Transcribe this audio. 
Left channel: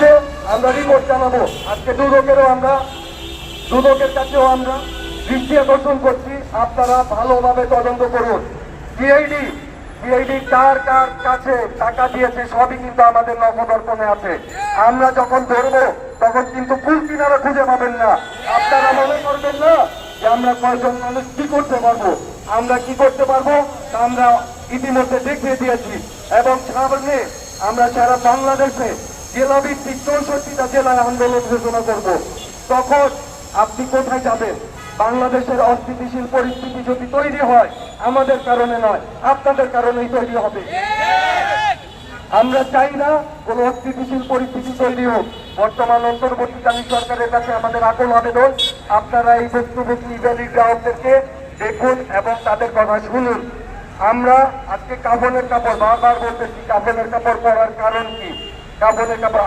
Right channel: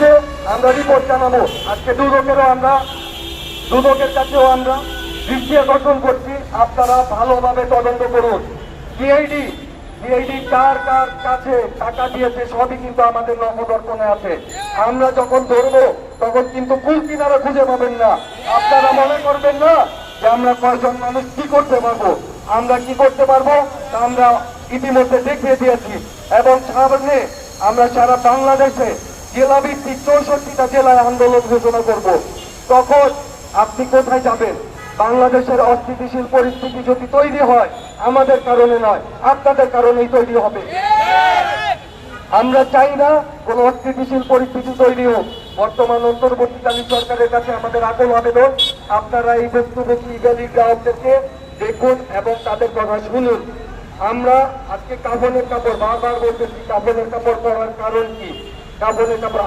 কাছে আমরা রিপোর্ট জানাবো। আজকে দুদকের কাছেও আমরা দৃষ্টি আকর্ষণ করছি, আপনারা ভালোভাবে তদন্ত করুন। সিআইডি কার কার কাছে টাকা দিয়েছে সবই কিন্তু আমাদের নখদর্পণে আছে। আমরা যখন ধরবো তখন কিন্তু কুল কিনারা খুঁজে পাবেন না। আপনারা মনে করবেন না যে আমরা কয়েকজন মানুষ কি করতে পারবো। আমরা কি করতে পারবো তা আমরা ইতিমধ্যে দেখিয়ে দিয়েছি, এবং সামনে আমরা সারা বাংলাদেশে জেলাভিত্তিক 64টা জেলায় আন্দোলন ঘোষণা করব। তখন আপনি কোথায় যাবেন? বাংলাদেশের অস্থিতিশীল পরিস্থিতি যদি তৈরি হয় আমাদের কারণে নয়, আপনাদের কারণেই তৈরি হবে। আমরা চাই না কোন অস্থিতিশীল পরিস্থিতি তৈরি হোক। বর্তমান অন্তর্বর্তীকালীন সরকারের কাছে আমাদের আকুল আবেদন, আপনারা এই ভুক্তভোগী ইভ্যালিড গ্রাহকদেরকে দেখুন এবং তাদের কথা শুনুন। আমরা আজকে কাফনের কাপড় বারবার বলতেছি, কাফনের কাপড় পরার কারণ কি? কাফনের কাপড়